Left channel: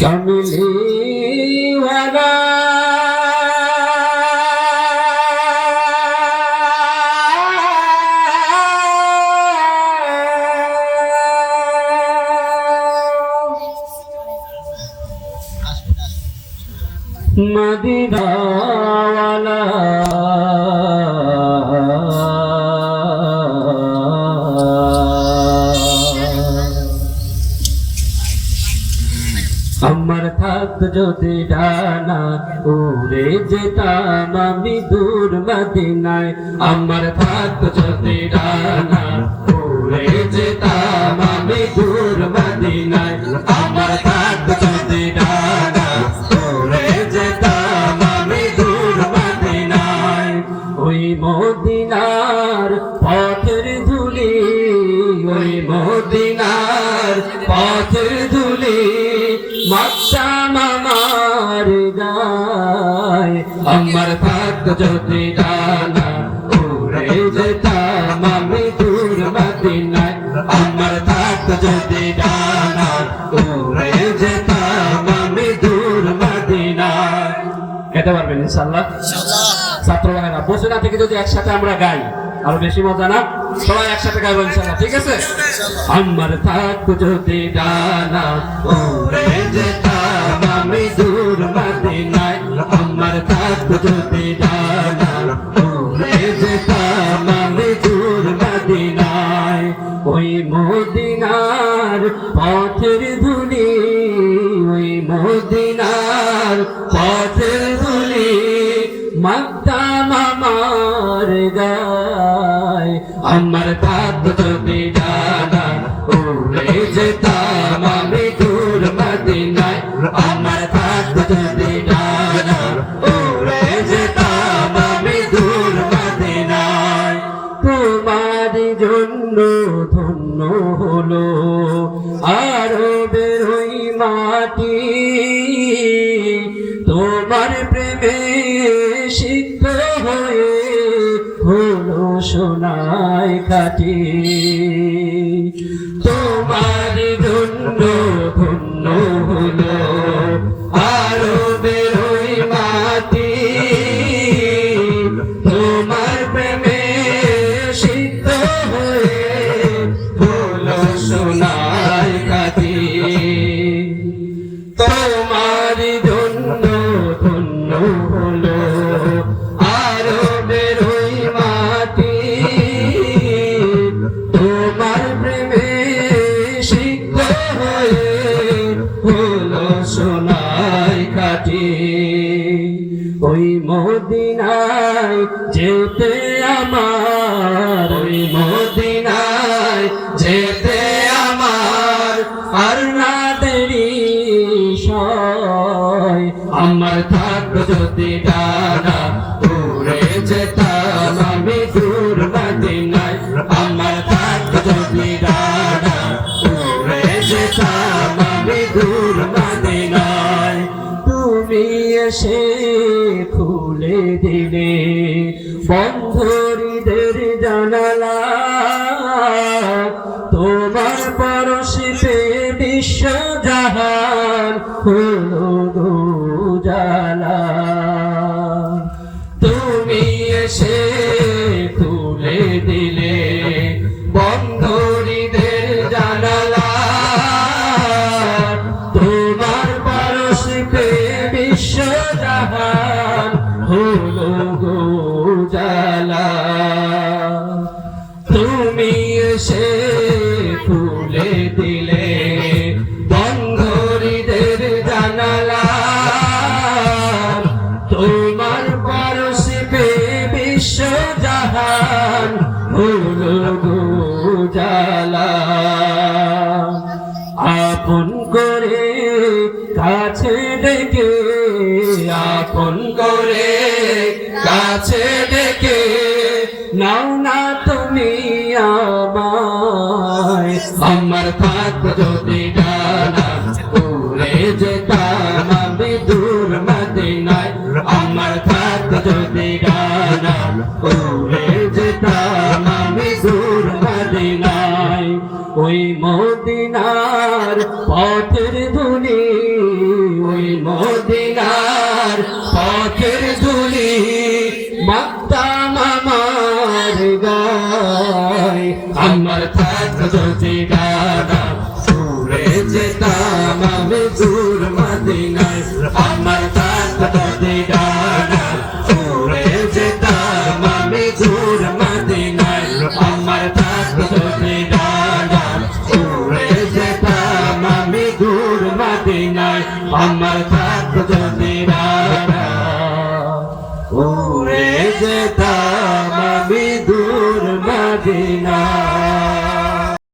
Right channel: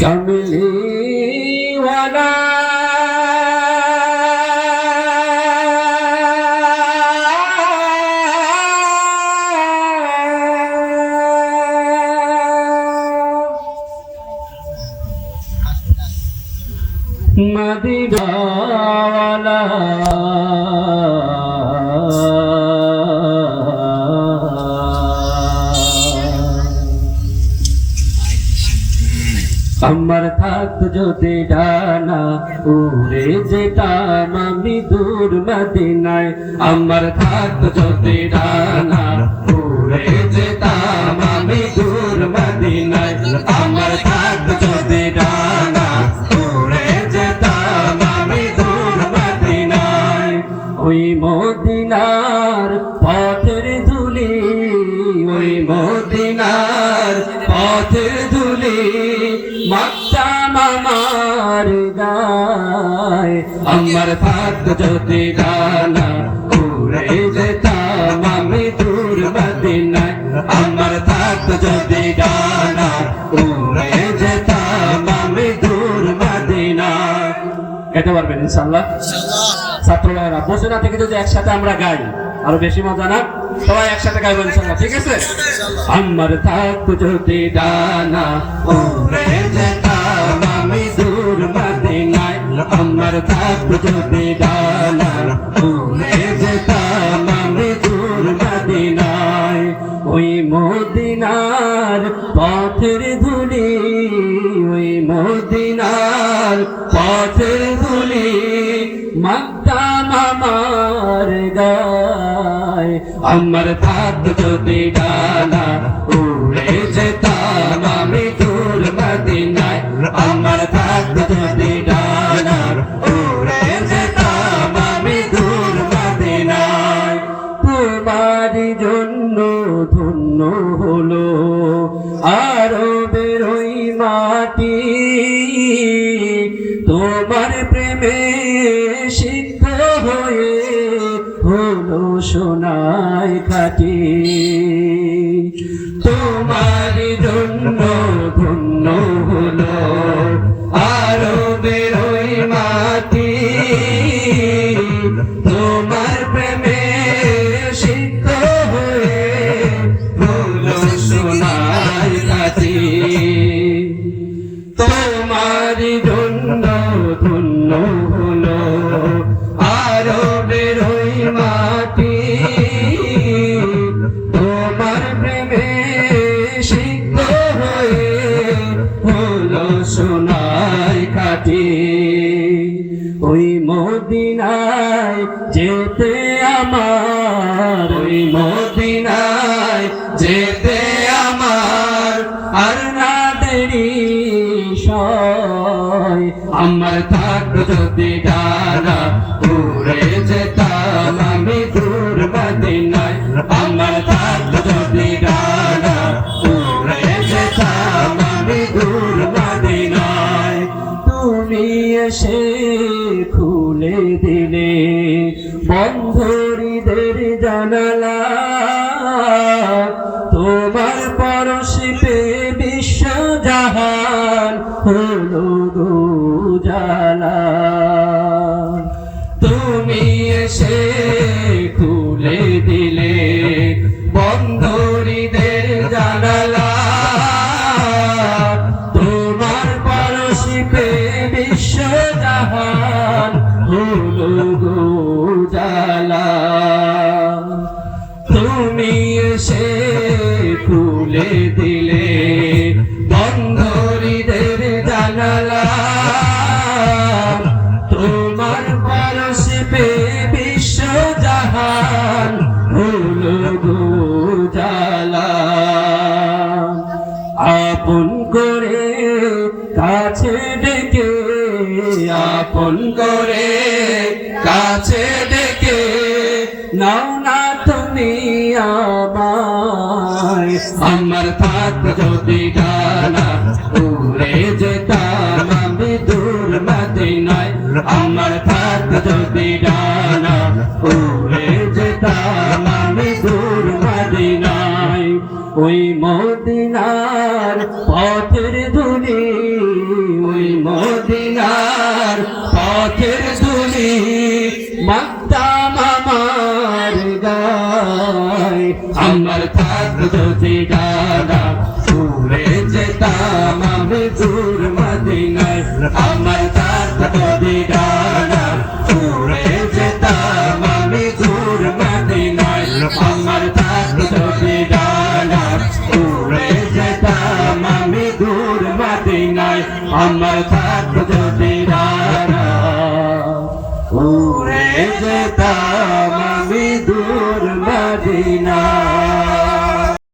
कमली वाला मदीना वाला আমার থাকত যদি ডানা উড়ে যেতাম আমি দূর মদিনায়। আমার থাকত যদি ডানা উড়ে যেতাম আমি দূর মদিনায়। আমার থাকত যদি ডানা উড়ে যেতাম আমি দূর মদিনায়। ওই মদিনার পথের ধুলি, ওই মদিনার পথের ধুলি মাখতাম আমার গায়। আমার থাকত যদি ডানা উড়ে যেতাম আমি দূর মদিনায়। আমার থাকত যদি ডানা উড়ে যেতাম আমি দূর মদিনায়। গাইতে পারবেন ইনশাআল্লাহ? ছাত্র ভাইরা বসে না থেকে যদি একসাথে আমরা গাই আরো বেশি মজা না? সবাই একসাথে গাইবো ইনশাআল্লাহ, ঠিক আছে? আমার থাকত যদি ডানা উড়ে যেতাম আমি দূর মদিনায়। আমার থাকত যদি ডানা উড়ে যেতাম আমি দূর মদিনায়। ওই মদিনার পথের ধুলি, ওই মদিনার পথের ধুলি মাখতাম আমার গায়। আমার থাকত যদি ডানা উড়ে যেতাম আমি দূর মদিনায়। আমার থাকত যদি ডানা উড়ে যেতাম আমি দূর মদিনায়। তোমার জন্য ধন্য হলো আরবের ওই মাটি, তোমার প্রেমে সিক্ত হয়ে হলো সোনায় খাঁটি। তোমার জন্য ধন্য হলো আরবের ওই মাটি, তোমার প্রেমে সিক্ত হয়ে হলো সোনায় খাঁটি। তোমার জন্য ধন্য হলো আরবের ওই মাটি, তোমার প্রেমে সিক্ত হয়ে হলো সোনায় খাঁটি। ওই মদিনায় যেতে আমার, ওই মদিনায় যেতে আমার আর না দেরি সয়। আমার থাকত যদি ডানা উড়ে যেতাম আমি দূর মদিনায়। আমার থাকত যদি ডানা উড়ে যেতাম আমি দূর মদিনায়। তুমি এসে খুলে দিলে বন্ধ হৃদের জানালা, তোমার পরশে বিশ্ব জাহান হলো উজালা। তুমি এসে খুলে দিলে বন্ধ হৃদের জানালা, তোমার পরশে বিশ্ব জাহান হলো উজালা। তুমি এসে খুলে দিলে বন্ধ হৃদের জানালা, তোমার পরশে বিশ্ব জাহান হলো উজালা। আপন করে কাছে ডেকে, আপন করে কাছে ডেকে নাও না তুমি আমায়। আমার থাকত যদি ডানা উড়ে যেতাম আমি দূর মদিনায়। আমার থাকত যদি ডানা উড়ে যেতাম আমি দূর মদিনায়। ওই মদিনার পথের ধুলি ওই মদিনার পথের ধুলি মাখতাম আমার গায় আমার থাকতো যদি ডানা উড়ে যেতাম আমি দূর মদিনায় আমার থাকতো যদি ডানা উড়ে যেতাম আমি দূর মদিনায় আমার থাকতো যদি ডানা উড়ে যেতাম আমি দূর মদিনায় আমার থাকতো যদি ডানা উড়ে যেতাম